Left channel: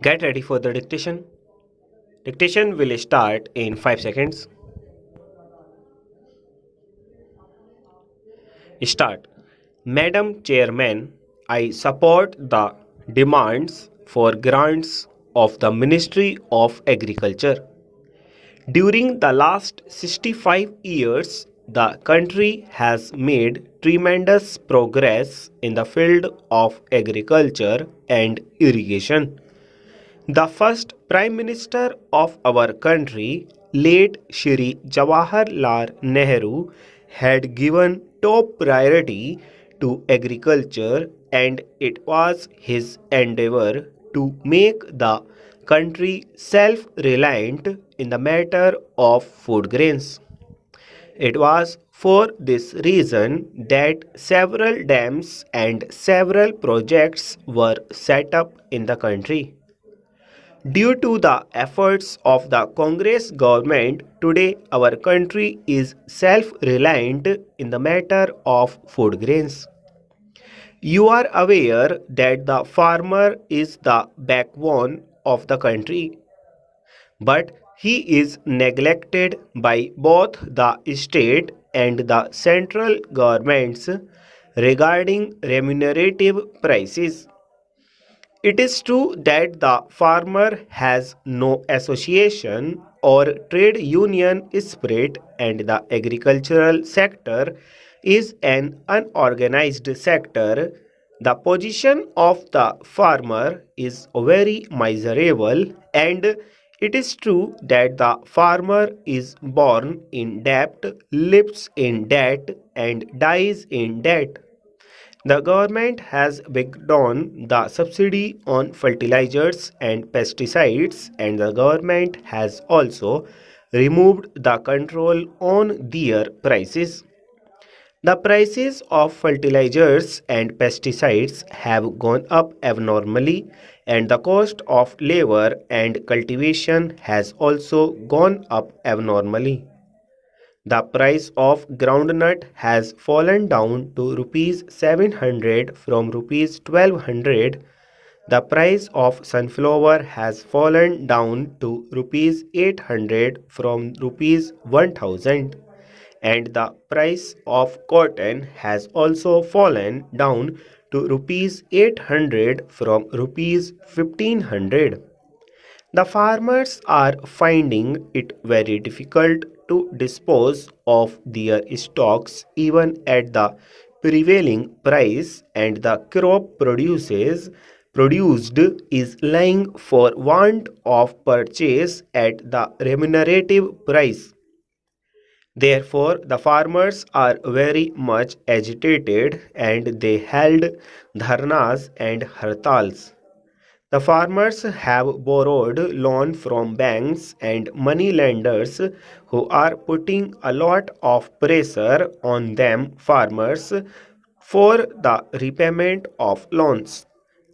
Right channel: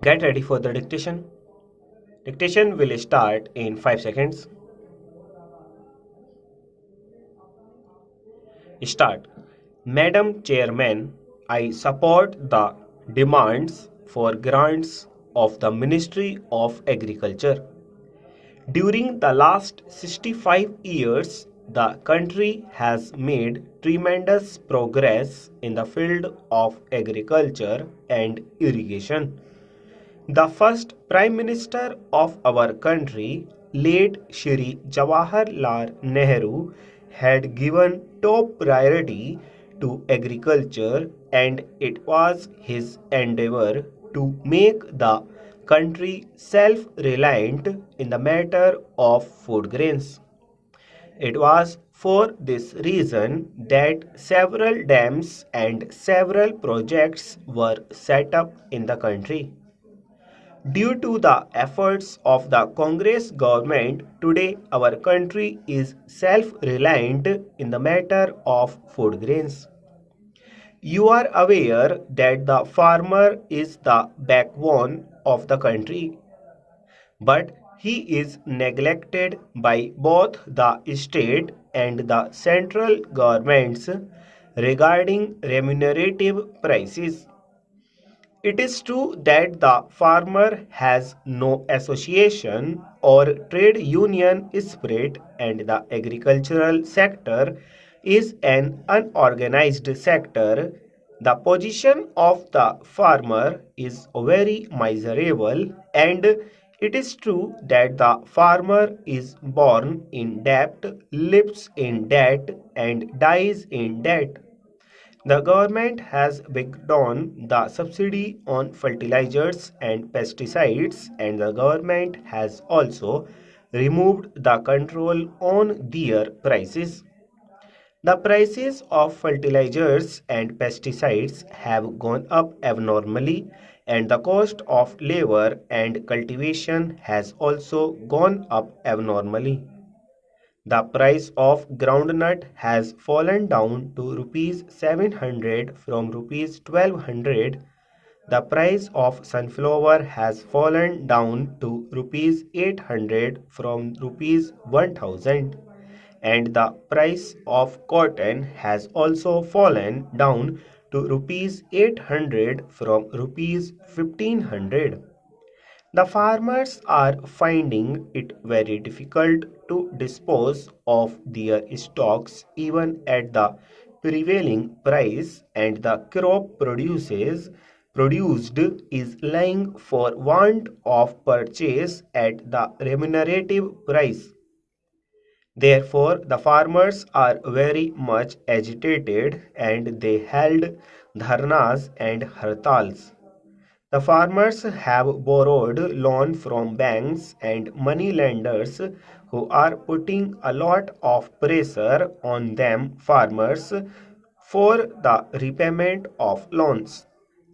Get ready for the dictation. Dictation will start in 5 seconds. Start. Madam Chairman, I support the demands for grants of the Ministry of Agriculture. During the last 65 years, the country has made tremendous progress in the field of agriculture and irrigation. The first Prime Minister of our country, late Shri Jawaharlal Nehru, had given top priority to agriculture, and it was his endeavor to make the country self-reliant in the matter of food grains. It was for this reason that several dams and several projects were set up in the country. Due to the efforts of the Congress government, today our country is self-reliant in the matter of food grains. You are aware that the farmer is the backbone of the country, but he is neglected by both the state and the central governments regarding remunerative prices. It is true that the farmer has no association or trade union spirit, and the agricultural sector is an unorganized sector. The position of the farmer is very miserable, and it is true that the farmer is born in debt, lives in debt, and dies in debt. The government has withdrawn the subsidy on fertilizers and pesticides, and the government has also removed the control on their prices. The prices of fertilizers and pesticides have gone up abnormally, and the cost of labor and cultivation has also gone up abnormally. The price of groundnut has fallen down to rupees 700 from rupees 1200. The price of sunflower has fallen down to rupees 800 from rupees 1000, and the price of cotton has also fallen down to rupees 800 from rupees 1500. The farmers are finding it very difficult to dispose of their stocks even at the prevailing price, and the crop produced is lying for want of purchase at the remunerative price. Therefore, the farmers are very much agitated, and they held dharnas and hartals. The farmers have borrowed loan from banks and money lenders who are putting a lot of pressure on them farmers for the repayment of loans.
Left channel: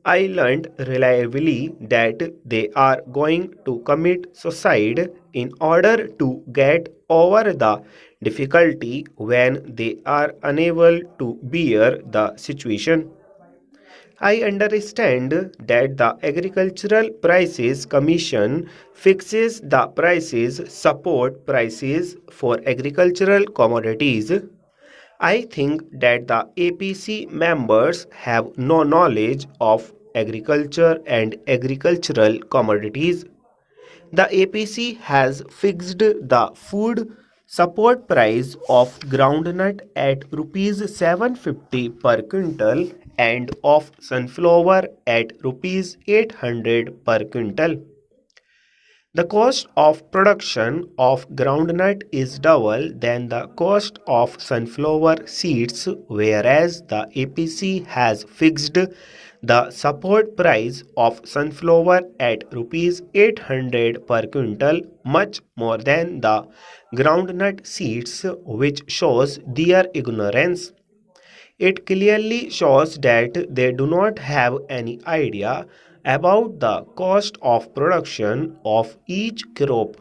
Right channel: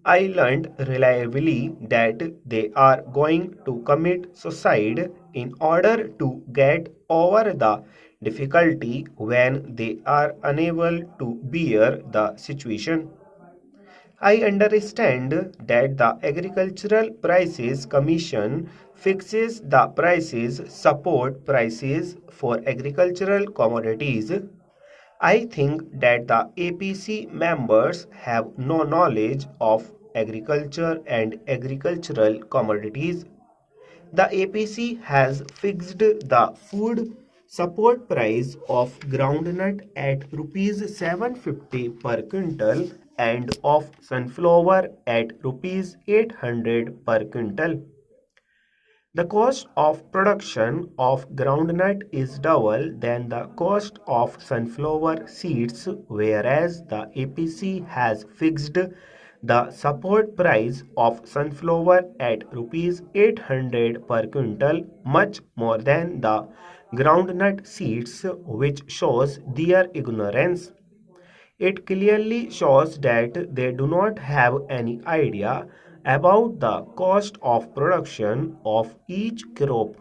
I learned reliably that they are going to commit suicide in order to get over the difficulty when they are unable to bear the situation. I understand that the Agricultural Prices Commission fixes the prices, support prices for agricultural commodities. I think that the APC members have no knowledge of agriculture and agricultural commodities. The APC has fixed the food support price of groundnut at rupees 750 per quintal and of sunflower at rupees 800 per quintal. The cost of production of groundnut is double than the cost of sunflower seeds, whereas the APC has fixed the support price of sunflower at rupees 800 per quintal, much more than the groundnut seeds, which shows their ignorance. It clearly shows that they do not have any idea about the cost of production of each crop.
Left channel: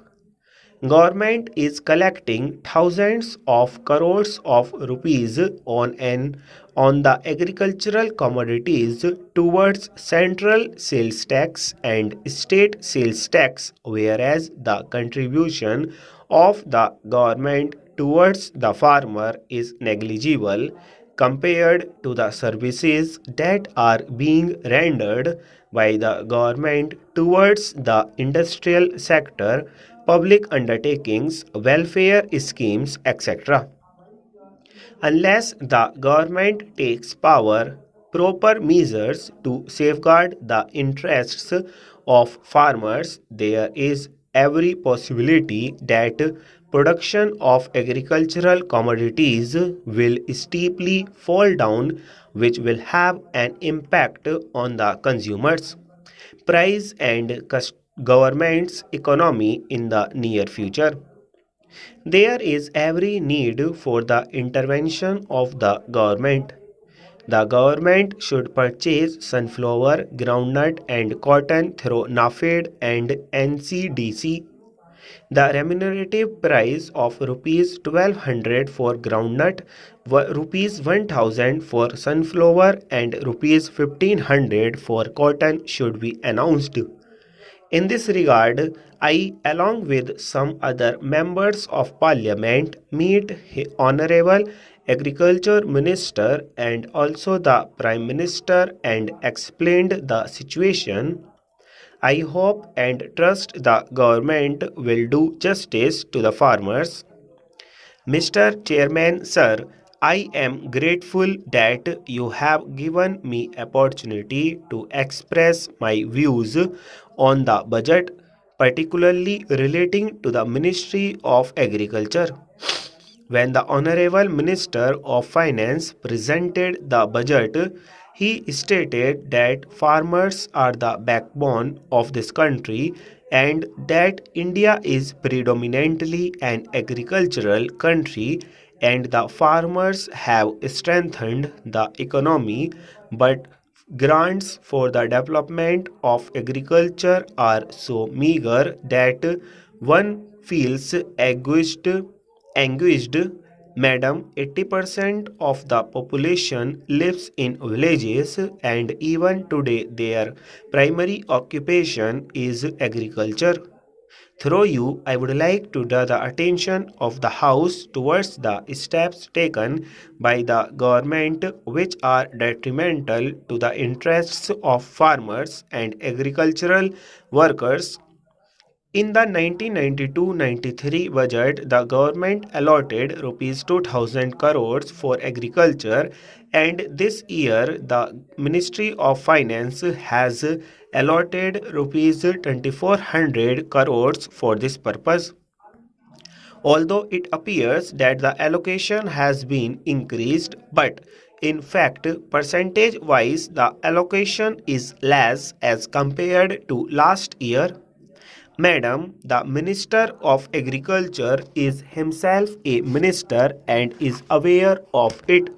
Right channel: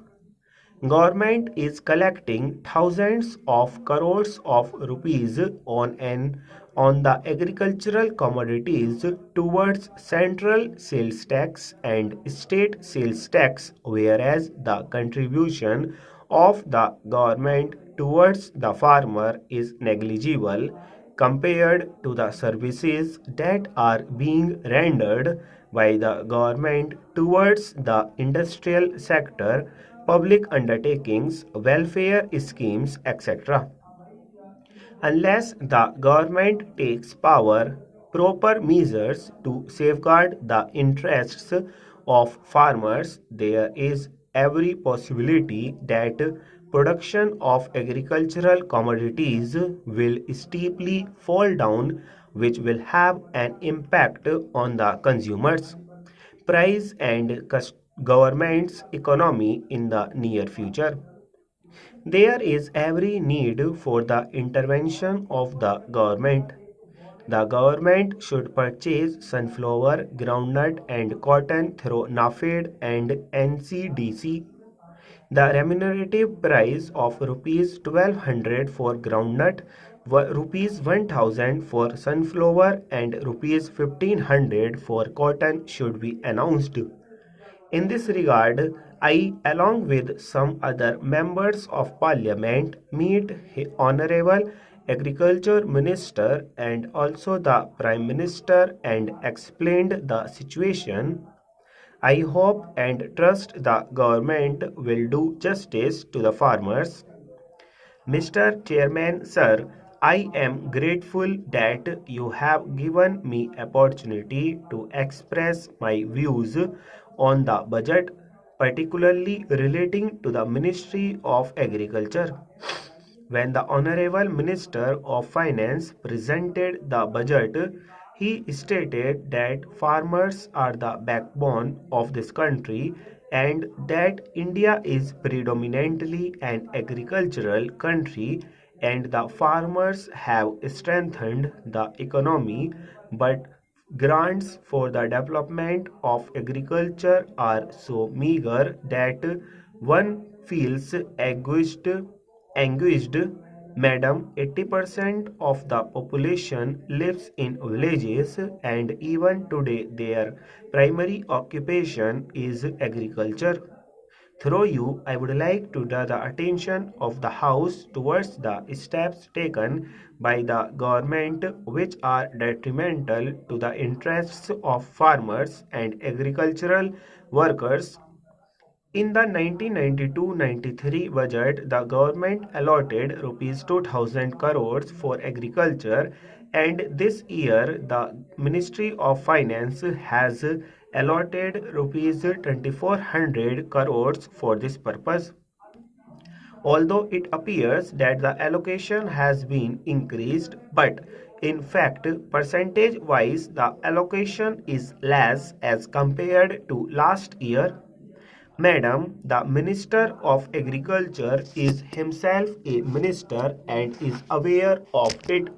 Government is collecting thousands of crores of rupees on the agricultural commodities towards central sales tax and state sales tax, whereas the contribution of the government towards the farmer is negligible compared to the services that are being rendered by the government towards the industrial sector, public undertakings, welfare schemes, etc. Unless the government takes proper measures to safeguard the interests of farmers, there is every possibility that production of agricultural commodities will steeply fall down, which will have an impact on the consumers price and government's economy in the near future. There is every need for the intervention of the government. The government should purchase sunflower, groundnut, and cotton through NAFED and NCDC. The remunerative price of rupees 1200 for groundnut, rupees 1000 for sunflower, and rupees 1500 for cotton should be announced. In this regard, I, along with some other members of parliament, meet Honorable Agriculture Minister and also the Prime Minister and explained the situation. I hope and trust the government will do justice to the farmers. Mr. Chairman, sir, I am grateful that you have given me opportunity to express my views on the budget, particularly relating to the Ministry of Agriculture. When the Honorable Minister of Finance presented the budget, he stated that farmers are the backbone of this country and that India is predominantly an agricultural country and the farmers have strengthened the economy, but grants for the development of agriculture are so meager that one feels anguished. Madam, 80% of the population lives in villages and even today their primary occupation is agriculture. Through you, I would like to draw the attention of the House towards the steps taken by the government which are detrimental to the interests of farmers and agricultural workers. In the 1992-93 budget, the government allotted rupees 2000 crores for agriculture, and this year the Ministry of Finance has allotted rupees 2400 crores for this purpose. Although it appears that the allocation has been increased, but in fact, percentage wise, the allocation is less as compared to last year. Madam, the Minister of Agriculture is himself a minister and is aware of it.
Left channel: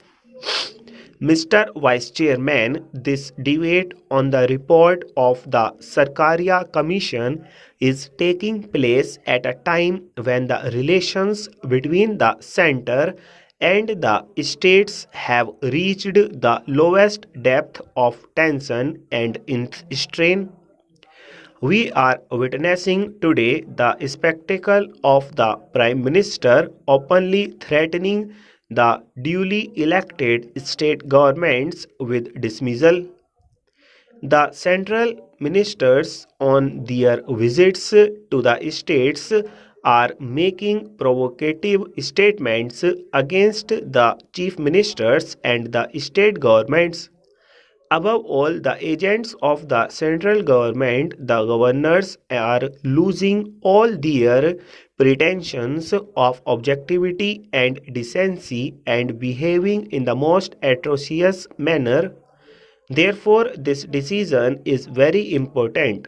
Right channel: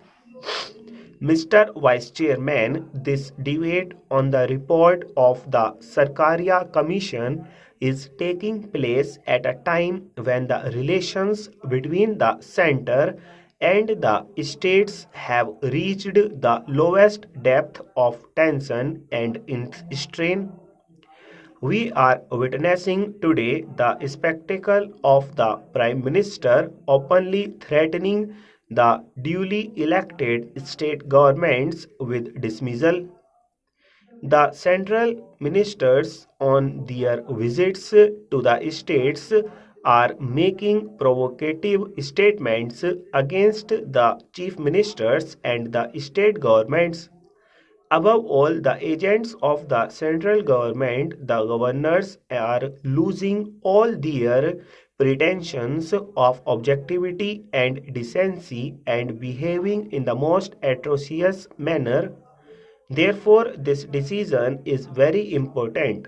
Mr. Vice Chairman, this debate on the report of the Sarkaria Commission is taking place at a time when the relations between the center and the states have reached the lowest depth of tension and strain. We are witnessing today the spectacle of the Prime Minister openly threatening the duly elected state governments with dismissal. The central ministers on their visits to the states are making provocative statements against the chief ministers and the state governments. Above all, the agents of the central government, the governors, are losing all their pretensions of objectivity and decency and behaving in the most atrocious manner. Therefore, this decision is very important.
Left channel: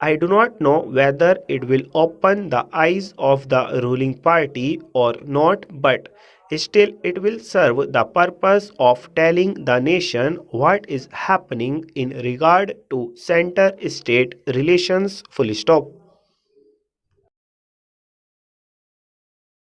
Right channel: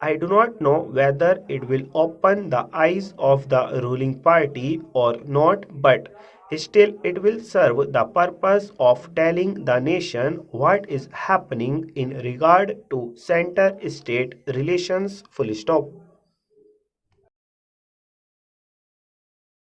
I do not know whether it will open the eyes of the ruling party or not, but still it will serve the purpose of telling the nation what is happening in regard to center-state relations. Full stop.